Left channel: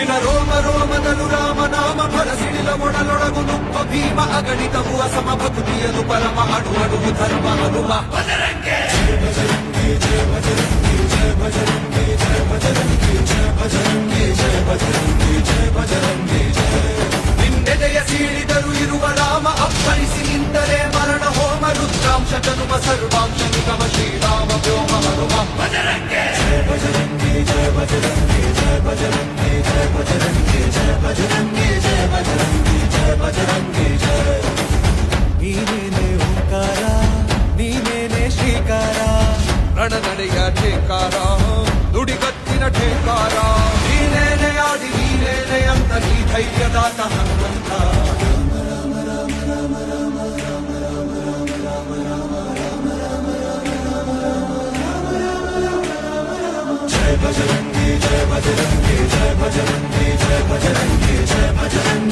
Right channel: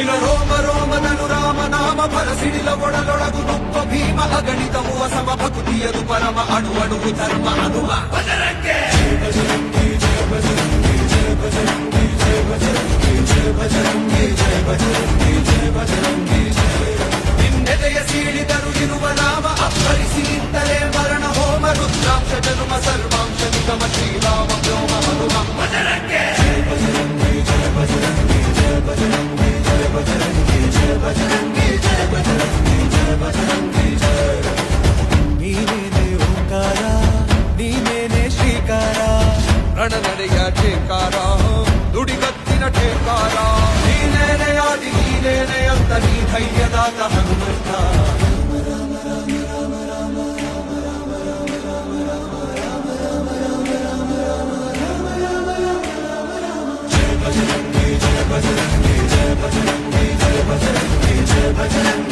ನಿಲ ರೋಮ ರೋಮನನು ರಾಮನಾಮ ಭರಸಿಡಿಲ ಒಡಲೊಳಗು ನುಪ್ಪ ಭೀಮ ಅಗಣಿತವು ಅಸಮ ಭಕ್ತಿಯನು ಪರಮ ಅಣು ಅಣುಗು ಧರ್ಮ ಹನುಮ ನಿನ್ನೆದೆಯ ಸೀಳಿದರು ಇರುವ ರಾಮ ಅಪ್ಪರಿಸಿ ನಿಂತರೆ ಮರಣ ಹೋಮ ರುದ್ರಾಂಶ ಜನುಮ ಸರ್ವಾಂಶ ನಿಗಮ ಶ್ರೀರಾಮ ವ್ಯೋಮ ಹನುಮ ನೀನೇನೆ ಓಂಕಾರ ನೀನೇನೆ ಶ್ರೀಕಾರ ರಣನಡೆಯ ಠೇಕಾರ ನುಡಿಗತ್ತಿನ ಠೇಕಾರ ನೀನೇನೆ ಆದಿ ನೀನೇನೆ ಅಂತ ನೀ ಧೈರ್ಯದಾತ ಹನುಮಂತ ಜಯ ಭಜರಂಗಿ ಜಯ ಭಜರಂಗಿ ಜಯ ಭಜರಂಗಿ ಜಯ ಭಜರಂಗಿ